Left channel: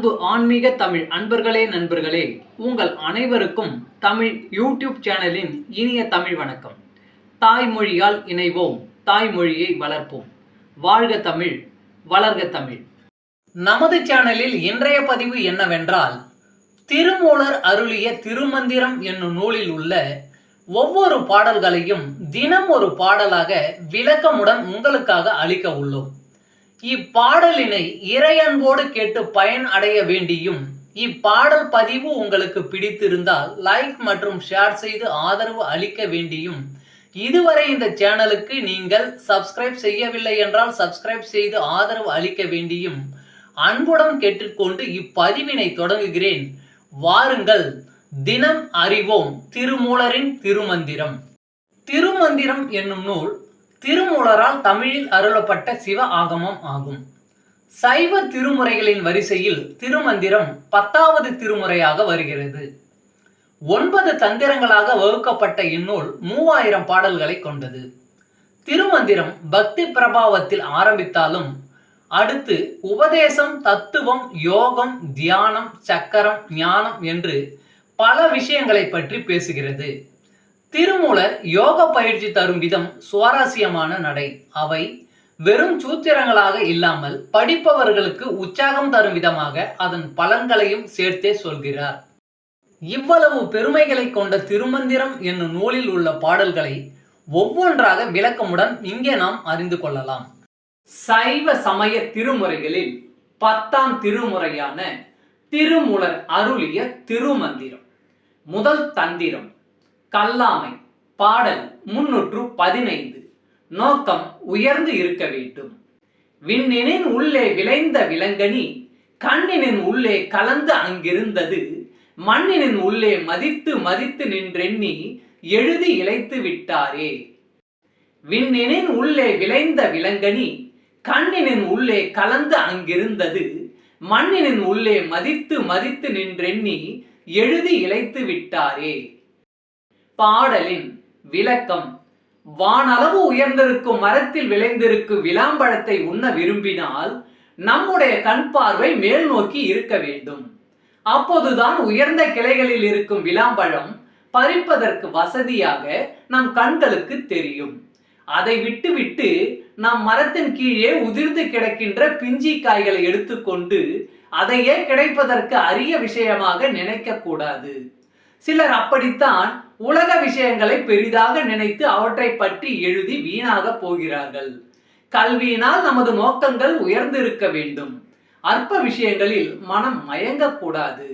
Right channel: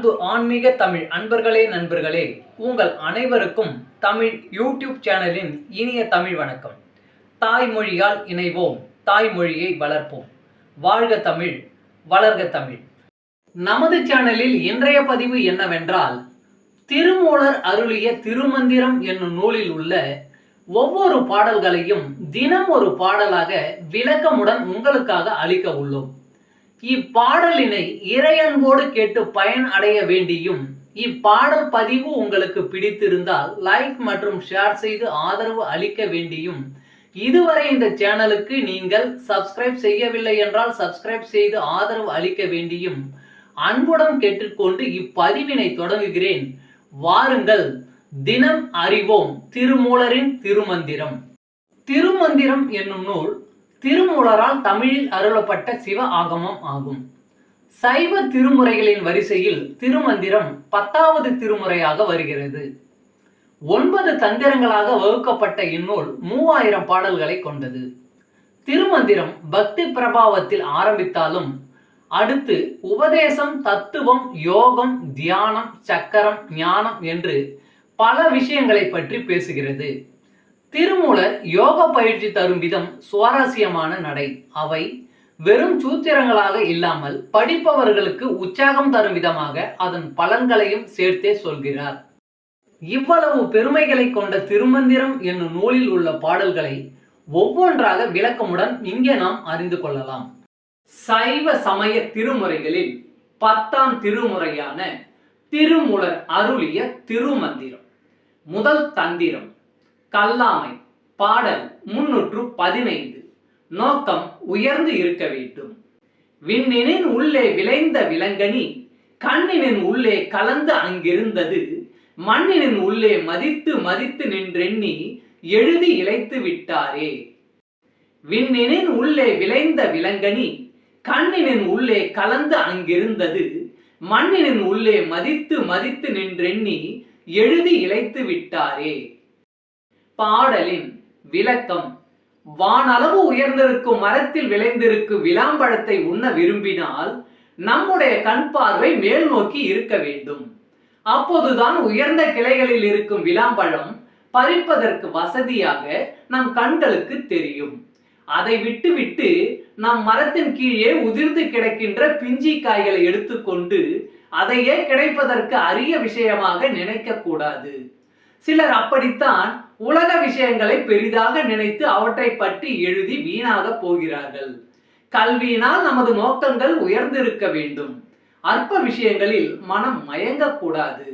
அன்பு ஆன்மீக தமிழ் அன்பர்களே நண்பர்களே, உங்கள் அனைவருக்கும் தமிழ் யூடியூப் சேனலின் இனிய தமிழ் வணக்கம். தாய்மொழியால் இணைவோம், தாய்மொழியை வளர்ப்போம். வாழ்க தமிழ், வளர்க தமிழ். நமது சேனலில் இன்றைய பதிவு என்னவென்றால், திருமூலர் அருளிய திருமந்திரம் என்னும் நூலில் உள்ள ஒவ்வொரு பாடல்களையும் தினம் ஒரு பாடலாக விளக்கமுடன் உங்களுக்காக அளிக்க உள்ளோம். இப்பாடலினை இறையன்போடு கேட்டு பயன் அடைய வேண்டியும், இப்பாடல் பதிவு உங்களுக்கு பிடித்திருந்தால் லைக் மற்றும் ஷேர் செய்து ஆதரவு அளிக்க வேண்டியும், இதுவரை இந்த சேனலுக்கு நீங்கள் சப்ஸ்கிரைப் செய்யவில்லை என்றால் சப்ஸ்கிரைப் செய்து ஆதரவு அளிக்க வேண்டியும் அன்புடன் கேட்டுக்கொண்டு இப்பதிவினை தொடங்குகிறேன். வாருங்கள், தினம் அறிவோம் திருமூலரின் திருமந்திரம். திருமந்திரம் என்னும் நூல் திருமூலரால் தமிழில் அருளப்பட்ட சிவ ஆகமம் ஆகும். சைவ திருமுறைகளின் வரிசையில் திருமந்திரம் 10வது திருமுறையாக வருகிறது. 9 தந்திரங்களாக வகுக்கப்பட்ட இந்நூல் 3000 பாடல்களை கொண்டது. திருமந்திரம் பக்தி பிரபாவத்தில் ஆரம்பித்தாலும் அடுத்து உபதேசம், தத்துவம், யோகம், தியானம், சக்கரம், ஞானம் என்று பல விஷயங்களை பற்றி பேசுகிறது. திருமூலர் யோக பயிற்சி தரும் விதம் சுவாரஸ்யமான நடை. அவை வெறும் சூத்திரங்களாக இல்லாமல் படிப்பவர்களுக்கு உற்சாகம் தரும் விதமாக அதன் பலன்களையும் சேர்த்தே சொல்கிறார். இவ்வளவு பெருமைகளை கொண்ட திருமந்திரம் என்னும் நூலில் உள்ள பாடல்களை ஒவ்வொன்றாக விளக்கமுடன் இங்கே நாம் அறிந்து கொள்ளலாம். சைவ சமய திருமுறைகளில் 10ஆம் திருமுறையான திருமூலர் அருளிய திருமந்திரம். முதல் தந்திரம் கல்லாமை. பாடல் 315. நோக்கம் உயர்ந்து இருக்க வேண்டும். விண்ணினின் உள்ளே விளைந்த விலங்கனி கண்ணினின் உள்ளே கலந்து அங்கிருந்தது, மண்ணினின் உள்ளே மதித்து மதித்து நின்றெண்ணி எழுதி இழைத்து விட்டாரே. விண்ணினின் உள்ளே விளைந்த விலங்கனி கண்ணினின் உள்ளே கலந்து அங்கிருந்தது, மண்ணினின் உள்ளே மதித்து மதித்து நின்றெண்ணி எழுதி இழைத்து விட்டாரே. பாடலின் விளக்கம். வானளவு உயர்ந்திருக்கும் மரத்தில் விளைந்திருக்கும் விளாம்பழத்தை உண்ண விரும்பினால் நம்முடைய கண் பார்வை மேல் நோக்கி இருக்க வேண்டும். அப்போதுதான் உயர்ந்த கிளைகளில் இருக்கும் விளாம்பழம் பறிப்பதற்கு வசதியாக நம் கண்களுக்கு தெரியும். அதை விட்டுவிட்டு நம் மரத்தின் கீழே உதிர்ந்து கிடக்கின்ற பிஞ்சி காய்களை எடுத்துக்கொண்டு அதையே கிடைப்பதற்கு அரிய விஷயமாக நினைக்க கூடாது. சிலர் அப்படித்தான் உலக விஷயங்களை பெரிதாக நினைத்து அவற்றை பற்றி எழுதி வீணாக போகிறார்கள். கல்வியினால் நமது நோக்கங்கள் உயர்ந்திருக்க வேண்டும். அற்ப விஷயங்களில் மனம் மயங்கக்கூடாது.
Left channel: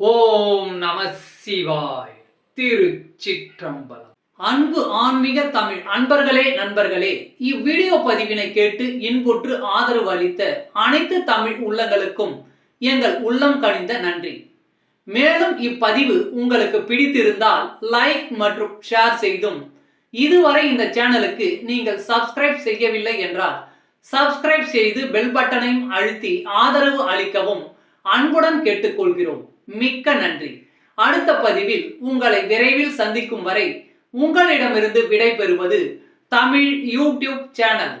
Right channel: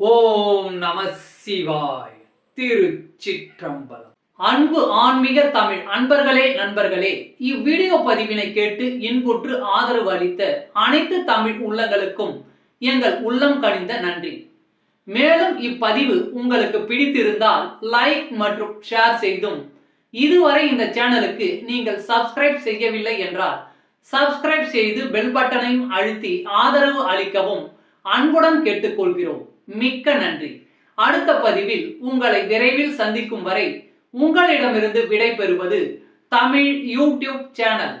ஓம் நம சிவாய். திருச்சிற்றம்பலம். அன்பு ஆன்மீக தமிழ் அன்பர்களே நண்பர்களே, இவ்வீடியோ பதிவினை கேட்டு இன்புற்று ஆதரவு அளித்த அனைத்து தமிழ் உள்ளங்களுக்கும் எங்கள் உள்ளம் கனிந்த நன்றி. மேலும் இப்பதிவு உங்களுக்கு பிடித்திருந்தால் லைக் மற்றும் ஷேர் செய்தும், இதுவரை இந்த சேனலுக்கு நீங்கள் சப்ஸ்கிரைப் செய்யவில்லை என்றால் சப்ஸ்கிரைப் செய்து பெல் பட்டனையும் அழுத்தி ஆதரவு அளிக்கவும் அன்புடன் கேட்டுக்கொள்கிறோம். மிக்க நன்றி. அடுத்த பதிவில் உங்களை விரைவில் சந்திக்கும் வரை உங்களிடமிருந்து விடை பெறுவது தமிழ் யூடியூப் சேனல்.